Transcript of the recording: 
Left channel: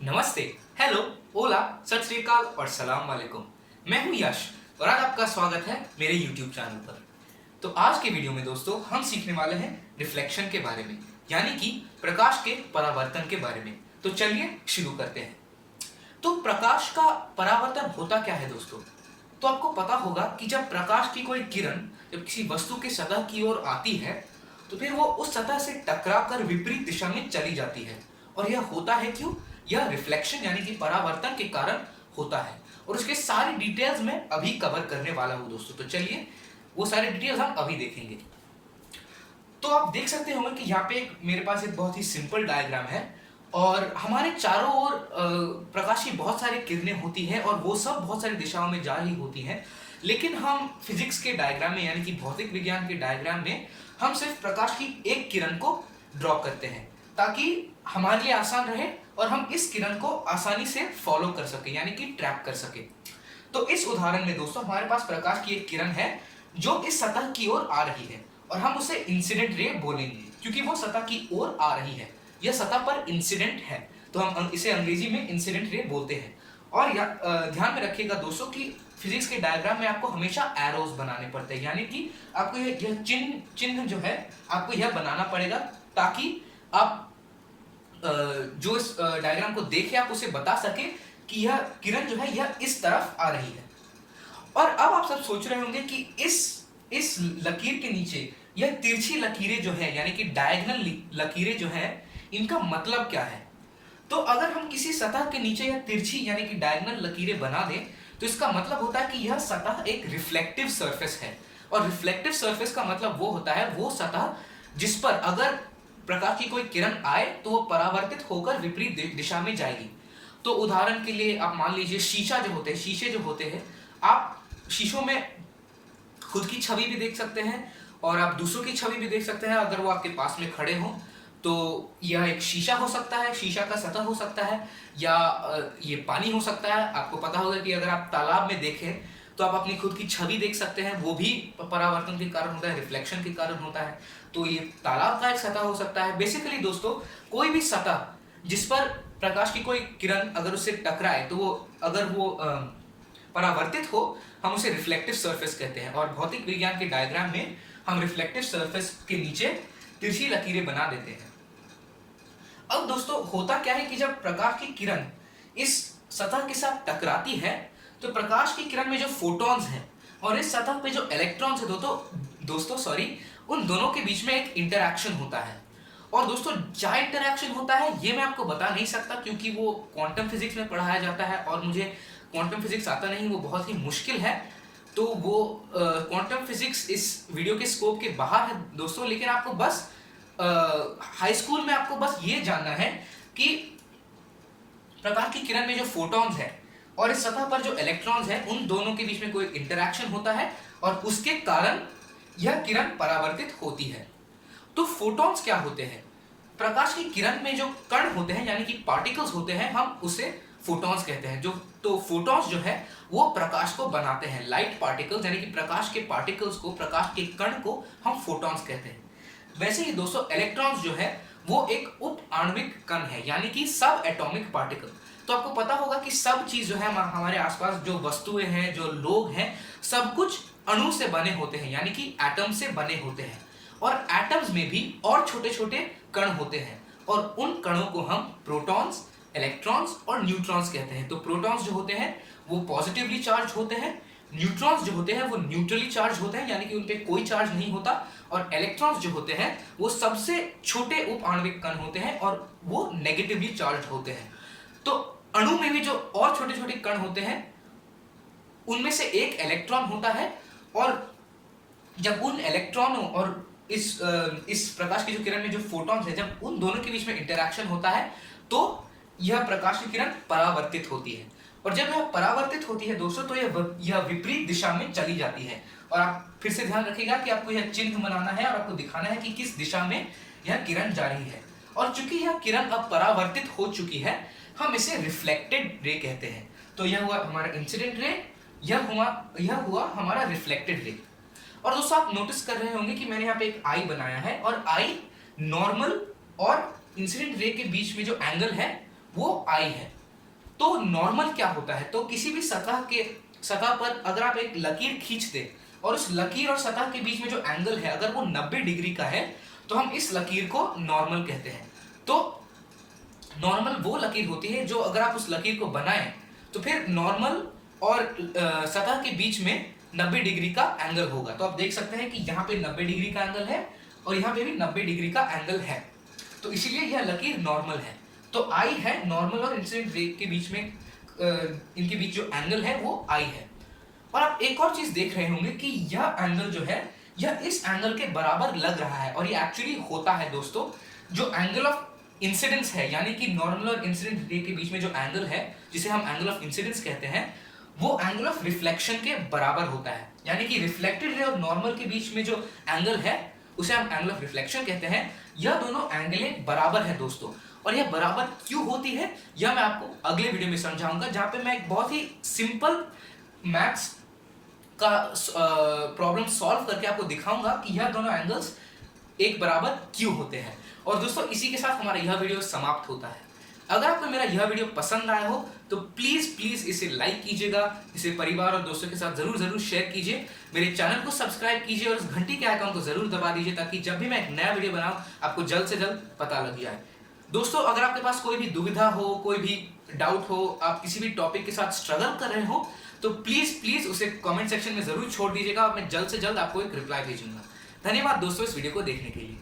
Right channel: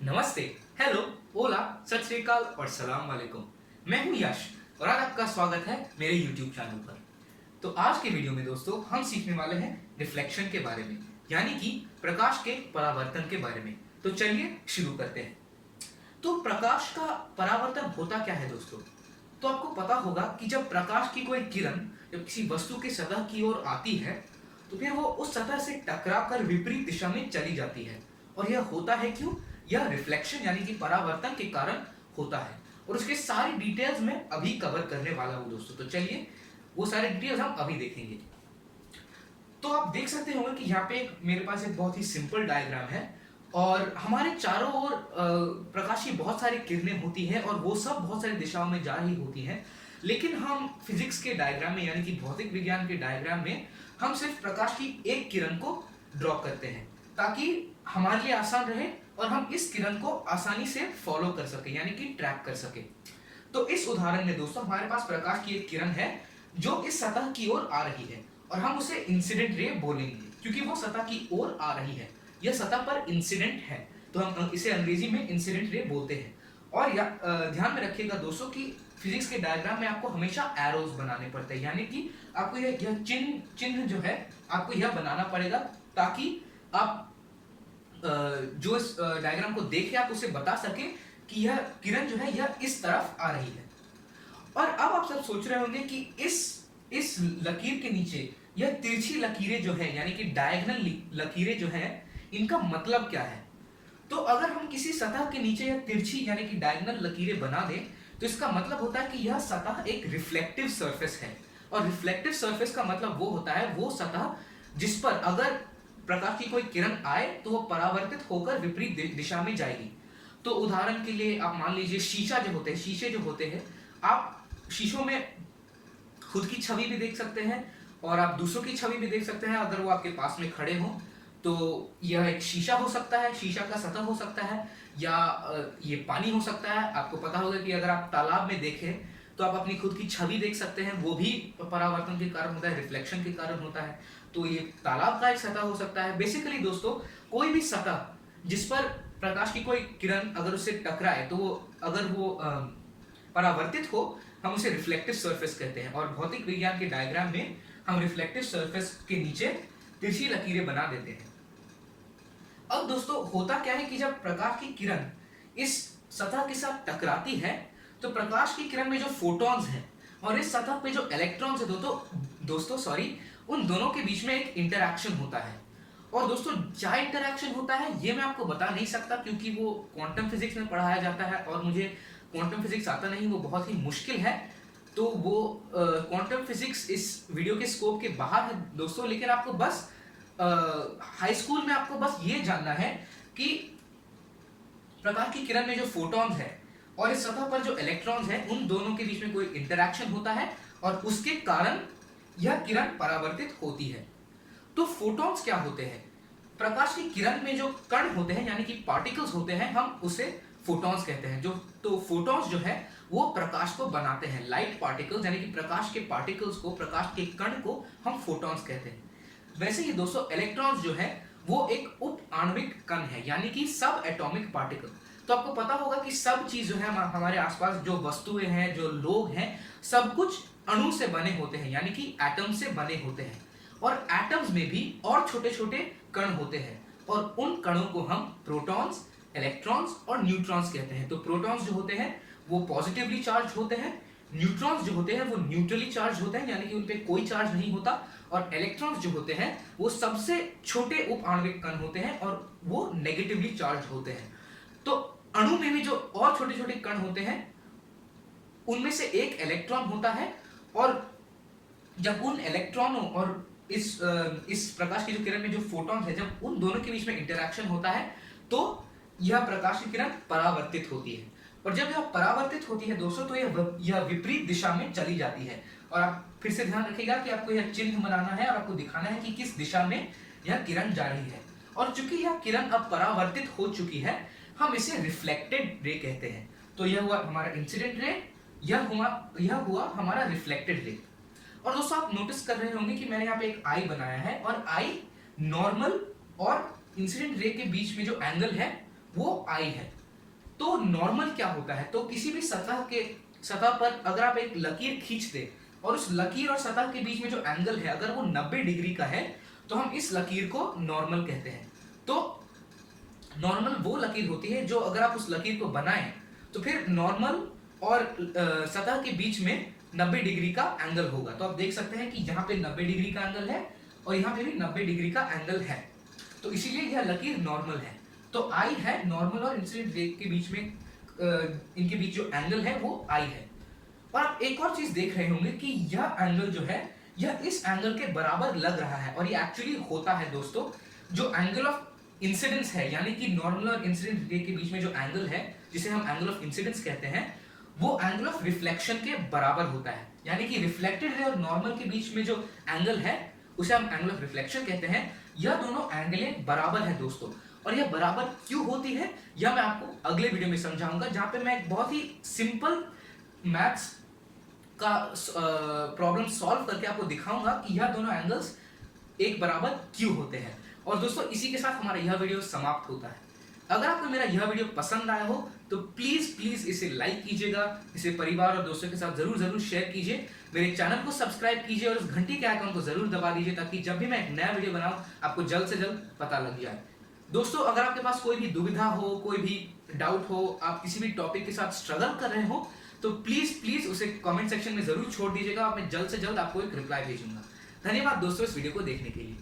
नमस्ते, हेलो, ओला, सत श्री अकाल और सलाम वालेकुम। मैं हूं यश और आज आपका स्वागत है मेरे YouTube चैनल पर। तो आज के वीडियो में दोस्तों हम सीखने वाले हैं रिफ्लेक्शन के बारे में, यानी कि प्रकाश के परावर्तन के बारे में। तो चलिए शुरू करते हैं। तो प्रकाश का परावर्तन होता क्या है दोस्तों? तो आपको पता होगा कि जब प्रकाश की कोई किरण जब किसी वस्तु की सतह की ओर आती है तो फिर वो उस सतह से टकराकर विपरीत दिशा में चली जाती है। और यह होता है क्यों? यह रिफ्लेक्शन यानी कि परावर्तन के कारण होता है और उसके सारी डिटेल्स मैं अभी कवर करने वाला हूं दोस्तों। तो चलिए वो सारे डिटेल्स हम अभी देखेंगे। तो आप देख सकते होंगे कि यहाँ पे मेरे पास एक बहुत ही सिंपल डायग्राम है और हमारे चारों ओर प्रकाश की बहुत सारी किरणें होती हैं और वो सब बहुत सारी दिशाओं में जा रही होती हैं। लेकिन हम फिजिक्स के डायग्राम में यानी कि भौतिक विज्ञान के डायग्राम में हम सिर्फ प्रकाश की एक किरण को ड्रॉ करते हैं ताकि हमारे लिए आसान रहे और हम इस किरण को आसानी से फॉलो कर सके यानी कि ट्रैक कर सके। तो इस उदाहरण में दोस्तों हमारे पास प्रकाश की एक किरण है जो इस सतह की ओर आ रही है और हम उसे इंसिडेंट रे बोलेंगे क्योंकि वो सतह की ओर आ रही है। यह सतह पर इंसिडेंट है तो हम इसे अंग्रेजी में इंसिडेंट रे बोलते हैं। और ध्यान में रखिएगा दोस्तों कि फिजिक्स के डायग्राम में आपको हमेशा एरोज बनाने पड़ते हैं, यानी कि आपको यह चिन्ह जो है आपको यह बनाना पड़ेगा ताकि आप जो इस डायग्राम को देखे आप उसे बता सके कि यह किरण जो है यह इस तरफ आ रही है। और अब आप सब सोच रहे होंगे कि इस लकीर के नीचे यह तिरछी लकीरें जो है यानी कि डायगोनल लकीरें जो है इनका मतलब क्या है? तो अगर हम किसी सतह के नीचे यह तिरछी यानी कि डायगोनल लकीरें बना दें तो इसका मतलब होता है कि यह सतह एक रिफ्लेक्टिव सरफेस है। और रिफ्लेक्टिव सरफेस का मतलब वो होता है वो सतह जिस पर अगर प्रकाश की कोई किरण आए तो वो परावर्तित होकर विपरीत दिशा में जाएगी। तो उदाहरण के लिए आप मान लीजिए शीशे जो होते हैं आप शीशों में खुद की छवि भी देख सकते हैं और आप दूसरों की छवि भी देख सकते हैं अगर वो आपके पास में खड़े हों। तो यह एक शीशा हो सकता है, शीशा का सतह हो सकता है या ये पानी हो सकता है। आपको पता होगा कि अगर आप तालाब में देखें तो आप अपनी खुद की छवि देख सकते हैं, वो भी परावर्तन के कारण होता है, रिफ्लेक्शन के कारण होता है। तो ये तालाब का एक सतह हो सकता है। बेसिकली दोस्तों कोई भी सतह जिस पर प्रकाश की कोई किरण अगर उससे टकराए तो वो परावर्तित हो हम उसे रिफ्लेक्टिव सरफेस कहते हैं। और भौतिक विज्ञान के डायग्राम में हम रिफ्लेक्टिव सरफेस के नीचे तिरछी लकीरें बना देते हैं। अब दोस्तों होता क्या है कि जब प्रकाश की किरण इस सतह के साथ टकराती है तो प्रकाश की किरण में जो फोटॉन्स हैं और इस सतह पे जो इलेक्ट्रॉन्स है दोस्तों उन दोनों के बीच में एक इंटरैक्शन होता है। और दोस्तों क्या इंटरैक्शन होता है ये मैं आपको बता नहीं सकता क्योंकि वो क्वांटम फिजिक्स में पढ़ाया जाता है और मुझे क्वांटम फिजिक्स आता नहीं, वो बहुत ही मुश्किल है। तो वो क्वांटम फिजिक्स इस वीडियो के स्कोप के बाहर है दोस्तों। लेकिन आपको बस हाई स्कूल में आपको बस ये जानना है कि प्रकाश की किरण में जो फोटॉन्स है और इस सतह पर जो इलेक्ट्रॉन्स है उन दोनों के बीच में कोई इंटरैक्शन होता है और उसके कारण यह किरण परावर्तित होती है। तो फोटॉन्स क्या होते हैं? प्रकाश की किरण में जो कण होते हैं यानी कि पार्टिकल्स होते हैं हम उसे फोटॉन्स कहते हैं। तो फोटॉन्स जो है वो प्रकाश को बनाते हैं, लाइट पार्टिकल्स यानी कि प्रकाश के पार्टिकल्स को, प्रकाश के कण को हम फोटॉन्स कहते हैं। वैसे ही दोस्तों इलेक्ट्रॉन्स जो है वो एक उप आणविक कण है यानी कि सब एटॉमिक पार्टिकल। तो आपको पता होगा कि सब चीज जो है हमारे आसपास जो वस्तुएं हैं जो लोग हैं सब कुछ अणु से बने होते हैं यानी कि एटम से बने होते हैं। और एटम्स में भी और छोटे छोटे कण होते हैं और उन कणों को हम प्रोटॉन्स, इलेक्ट्रॉन्स और न्यूट्रॉन्स कहते हैं। तो प्रोटॉन्स जो होते हैं वो पॉजिटिवली चार्ज होते हैं, न्यूट्रॉन्स जो होते हैं वो न्यूट्रली चार्ज होते हैं यानी कि उन पे कोई चार्ज नहीं होता, और इलेक्ट्रॉन्स जो होते हैं वो सबसे छोटे उप आणविक कण होते हैं और वो नेगेटिवली चार्ज होते हैं। तो अणु में भी जो और छोटे छोटे कण होते हैं उनमें से एक इलेक्ट्रॉन होता है और जब उन इलेक्ट्रॉनों और इस प्रकाश की जो किरण में जो फोटॉन्स है जब उन दोनों के बीच में इंटरैक्शन होता है तो यह प्रकाश की किरण परावर्तित होती है। और जब यह परावर्तित होती है दोस्तों तो यह विपरीत दिशा में चली जाती है। और आप फिर से ध्यान रखिएगा कि आपको यह चिन्ह बनाना है और आपको दिखाना है कि किस दिशा में यह किरण जा रही है। और चूंकि यह किरण अब परावर्तित हो चुकी है हम इसे रिफ्लेक्टेड रे कहते हैं। तो यह हुआ हमारा इंसिडेंट रे, यह हुआ हमारा रिफ्लेक्टेड रे। और दोस्तों आप नोटिस कर रहे होंगे कि मैंने यहाँ पे एक आई बनाया है और आई नॉर्मल और इंसिडेंट रे के बीच में जो एंगल है वो आई है। तो नॉर्मल क्या होता है, तो किसी भी सतह पर अगर आप एक लकीर खींच दे और उस लकीर और सतह के बीच में जो एंगल है अगर वो 90 डिग्री का है तो हम इस लकीर को नॉर्मल कहते हैं। तो नॉर्मल वो लकीर होती है जो अगर आप उस लकीर को बनाएं तो फिर नॉर्मल और सतह के बीच में 90 डिग्री का एंगल होगा। तो आप देख सकते हैं कि यहाँ पे 90 डिग्री का एंगल है और यहाँ पे भी 90 डिग्री का एंगल है, तो इसीलिए यह लकीर नॉर्मल है। तो आई है नॉर्मल और इंसिडेंट रे के बीच में इनके बीच जो एंगल है वो आई है। और आप एक और चीज देख रहे होंगे कि यह एंगल जो है यह इस एंगल के बराबर लग रहा है, और ये एक्चुअली होता है दोस्तों। जो एंगल ऑफ इंसिडेंस है यानी कि नॉर्मल और इंसिडेंट रे के बीच में जो एंगल है जिसे हम एंगल ऑफ इंसिडेंस कहते हैं, वो एंगल ऑफ रिफ्लेक्शन के बराबर होता है। यानी कि रिफ्लेक्टेड रे और नॉर्मल के बीच में जो एंगल है उसे हम एंगल ऑफ रिफ्लेक्शन कहते हैं। यह दोनों एंगलें बराबर है दोस्तों, और यह बराबर क्यों होती है यह मैं आपको अगले वीडियो में समझाऊंगा, जहां पे मैं एक बहुत ही सिंपल मैथ्स का प्रॉब्लम सॉल्व करके आपको दिखाऊंगा कि यह दोनों एंगल्स एक बराबर क्यों होते हैं। और दोस्तों इसी के साथ हमारा यह वीडियो समाप्त होता है। अगर आपको मेरा यह वीडियो पसंद आया हो तो प्लीज इसे लाइक कीजिएगा, इसे परिवार और दोस्तों के साथ जरूर शेयर कीजिए, मेरे चैनल को सब्सक्राइब कीजिए और इस घंटी के आइकन को जरूर दबा दीजिए ताकि जब भी मैं एक नया वीडियो बनाऊं आपको जल्द से जल्द पता लग जाए। दोस्तों अगर आपके पास कोई भी दुविधा हो, कोई भी डाउट हो, आप किसी भी टॉपिक के साथ स्ट्रगल कर रहे हो तो प्लीज उसे कमेंट सेक्शन में जरूर छोड़ दीजिएगा, मैं जल्द से जल्द आपको एक रिप्लाई भेजूंगा। धन्यवाद दोस्तों इस वीडियो को देखने के लिए।